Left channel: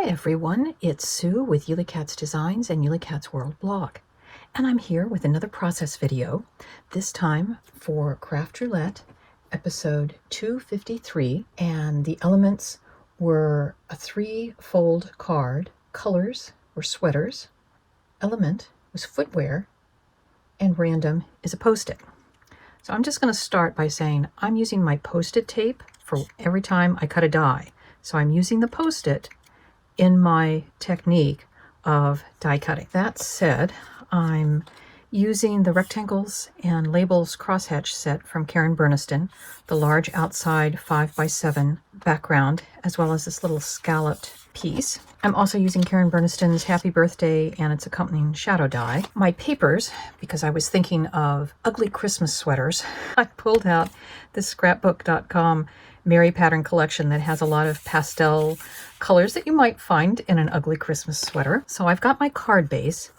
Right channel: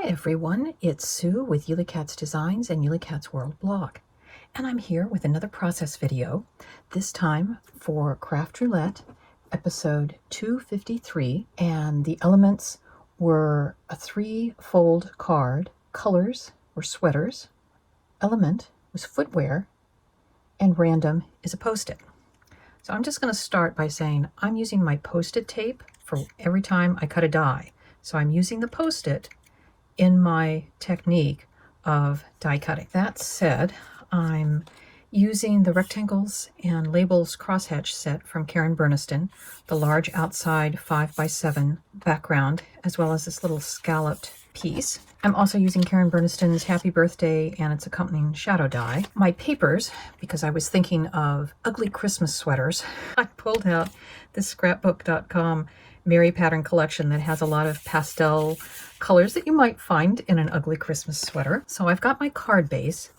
Hi everyone, it's Sue with Ully Cat's Designs and Ully Cat's World blog. And I'm here with another process video, this time for Craft Roulette, episode 253. And the elements were a 3-fold card, colors were sweaters, element was footwear, and random is a post-it. So I'm just going to start by saying I'm using my post-it tape for every time I cut a die. So I'm using the post-it in my technique of die cutting. That said, I'm using the rectangles and labels crosshatch set from Karen Burniston, the large outside 5x7 background, as well as this little scalloped piece. I'm also using Karen Burniston's Happy Birthday and its accompanying shadow die. My papers, because I was thinking of ugly Christmas sweaters, I pulled out the scrapbook.com Mary pattern collection that has a lot of pastel colors that you might find in an ugly Christmas sweater. So I've got my card base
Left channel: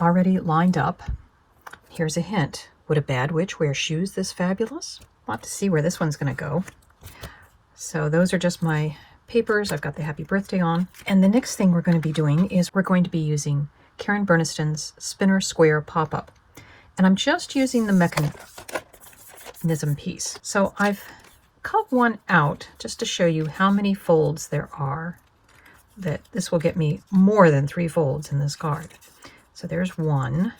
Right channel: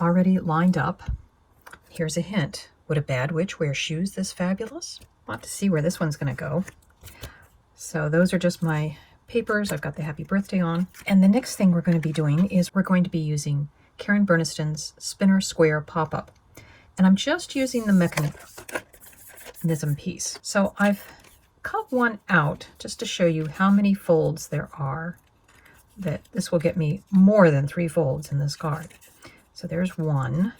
already lined up. Here's a hint. Would a bad witch wear shoes this fabulous? We'll have to see where this one's going to go. So those are just my papers. I've got the Happy Birthday on. And the next thing we're going to be doing is we're going to be using Karen Burniston's Spinner Square Pop-Up. And I'm just using the mechanism piece. So I've cut one out just to show you how many folds there are. That this will get me more than 3 folds in this card. So there's one,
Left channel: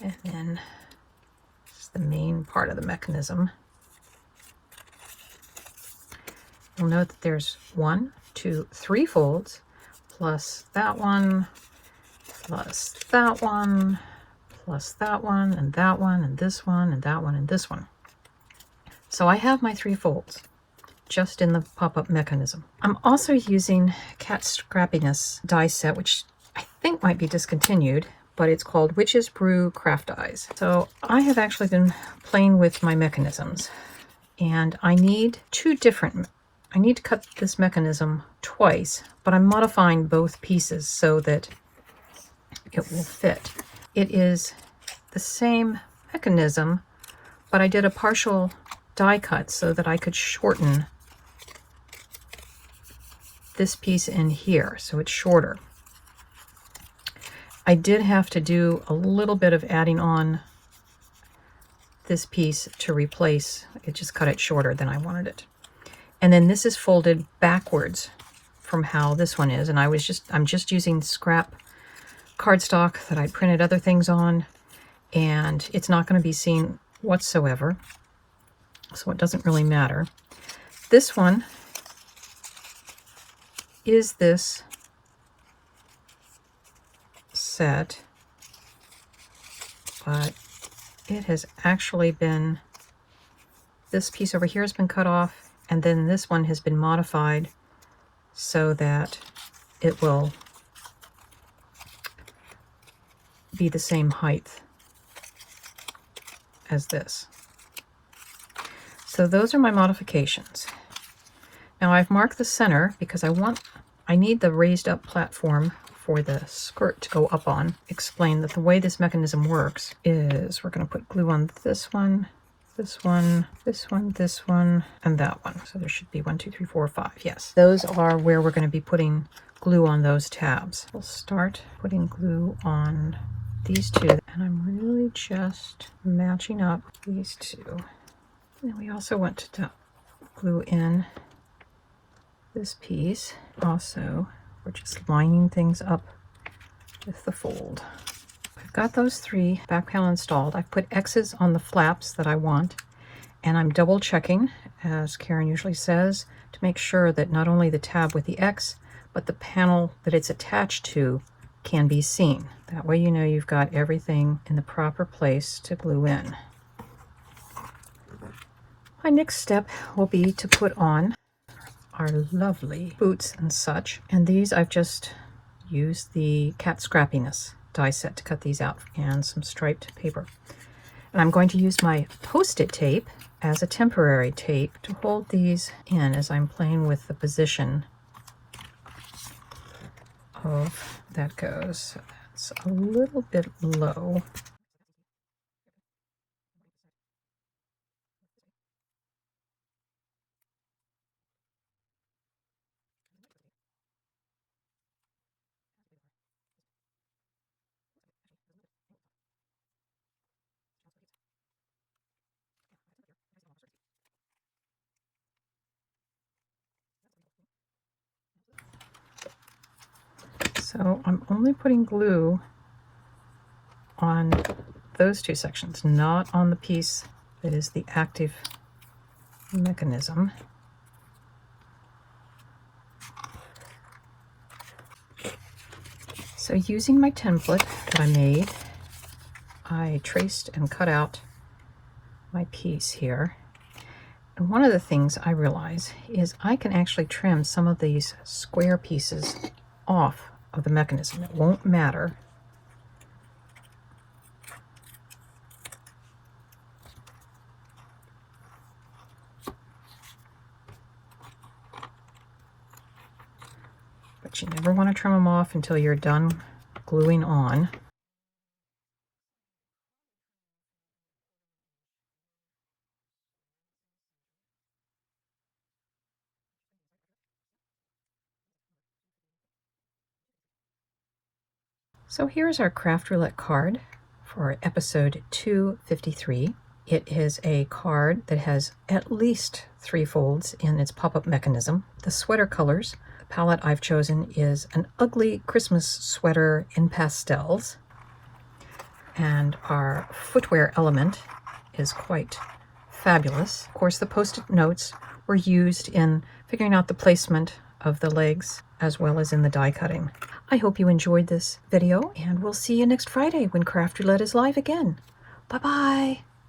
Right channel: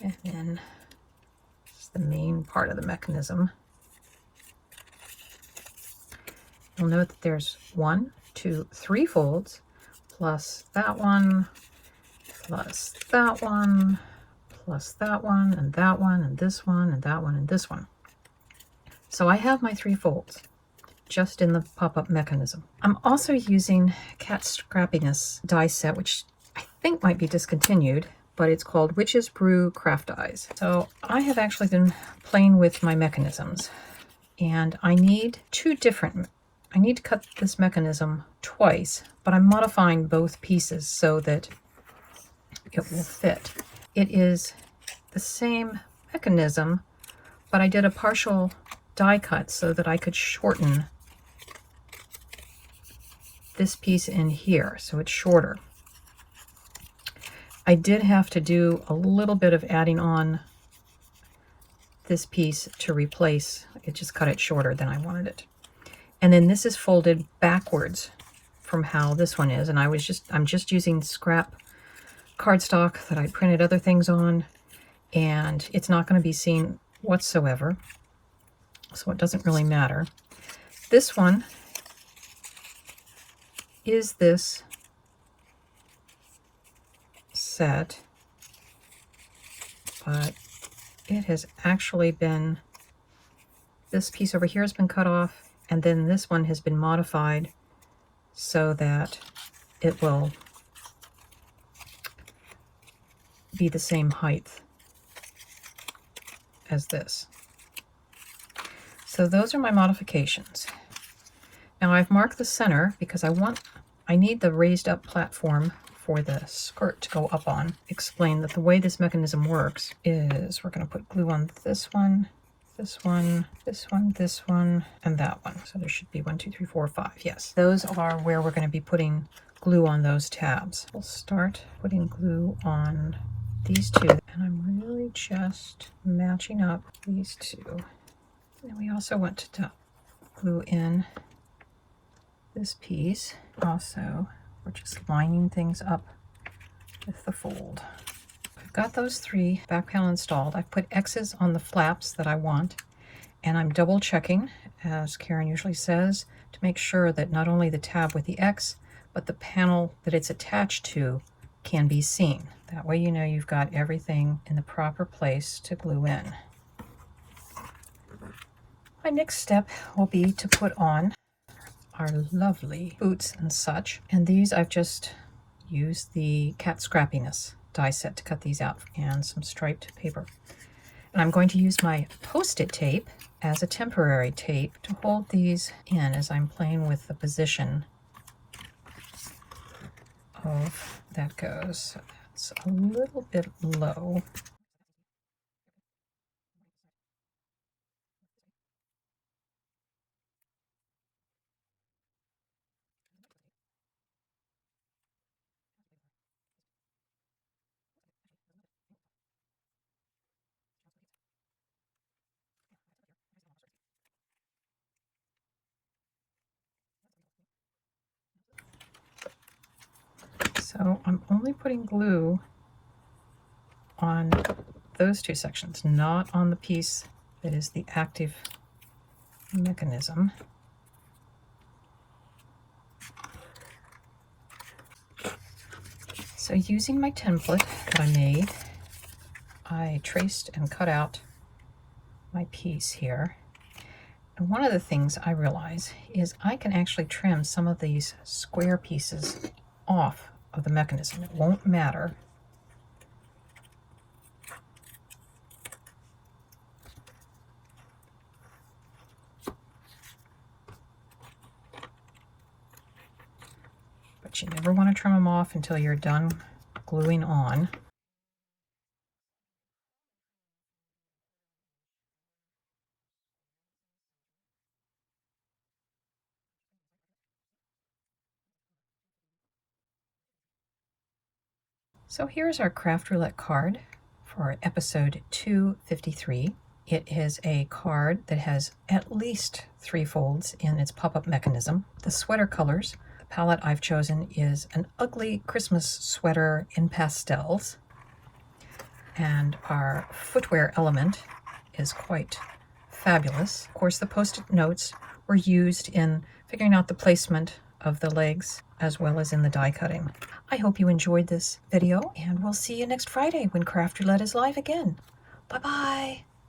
and then this is the main part of the mechanism. You'll note that there's 1, 2, 3 folds, plus that one, plus that one, plus that one, and that one, and this one, and that one, and this one. So I have my 3 folds just in the pop-up mechanism. I'm also using Cat Scrappiness die set, which I think might be discontinued, but it's called Witch's Brew Craft Dies. So I have actually been playing with my mechanisms, and I need I need to cut this mechanism twice, but I'm modifying both pieces so that it will fit. It is the same mechanism, but I did a partial die cut so that I could shorten this piece in here, so it's shorter. I did have to do a little bit of adding on this piece to replace. It just cut it shorter than I wanted it. And then this is folded backwards from how this one is. And I'm just using scrap cardstock that I printed other things on, and it's not going to be seen whatsoever. So it doesn't really matter. This one is this set, but it has actually been, this piece over here has been cut off, and then this one has been modified so that it will be the same height as this. So those are my modifications. Now I've marked the center because I need the raised up platform for the skirt to go up on. Explain that the way this mechanism works is we're going to put glue on this one, this one, this one, this one, and that one. So there should be 1, 2, 3, 4, 5. Yes, those are where we're going to be putting glue on those tabs. We'll start putting glue on these two, and I'm really just matching up these two. And we also want to glue in this piece. Also, we're just lining things up with the fold. I've got those 3 back panel installed. I've put X's on the flaps that I want, and I'm double checking, as Karen usually says, to make sure that not only the tab with the X, but the panel that it's attached to can be seen. That way you know you've got everything in the proper place to glue in. My next step will be to put on our lovely boots and such. And these I've just used the Cat Scrappiness die set to cut these out, and some striped paper. And I'm going to use my post-it tape as a temporary tape to hold these in as I'm playing with the position of that goes. So it's a little bit low. So I'm only putting glue on those two sections, not on the piece that is the active mechanism. So using my template that I made, I traced and cut out my piece here. And one of the things I realize is I can actually trim some of these square pieces off of the mechanism. It won't matter. But you never want to trim them off until you're done gluing on. So here's our Craft Roulette card for episode 253. It is a card that has at least 3 folds in its pop-up mechanism. The sweater colors, the palette I've chosen is an ugly Christmas sweater in pastels. And our footwear element is quite fabulous. Of course, the post-it notes were used in figuring out the placement of the legs as well as in the die cutting. I hope you enjoyed this video, and we'll see you next Friday when Craft Roulette is live again. Bye-bye.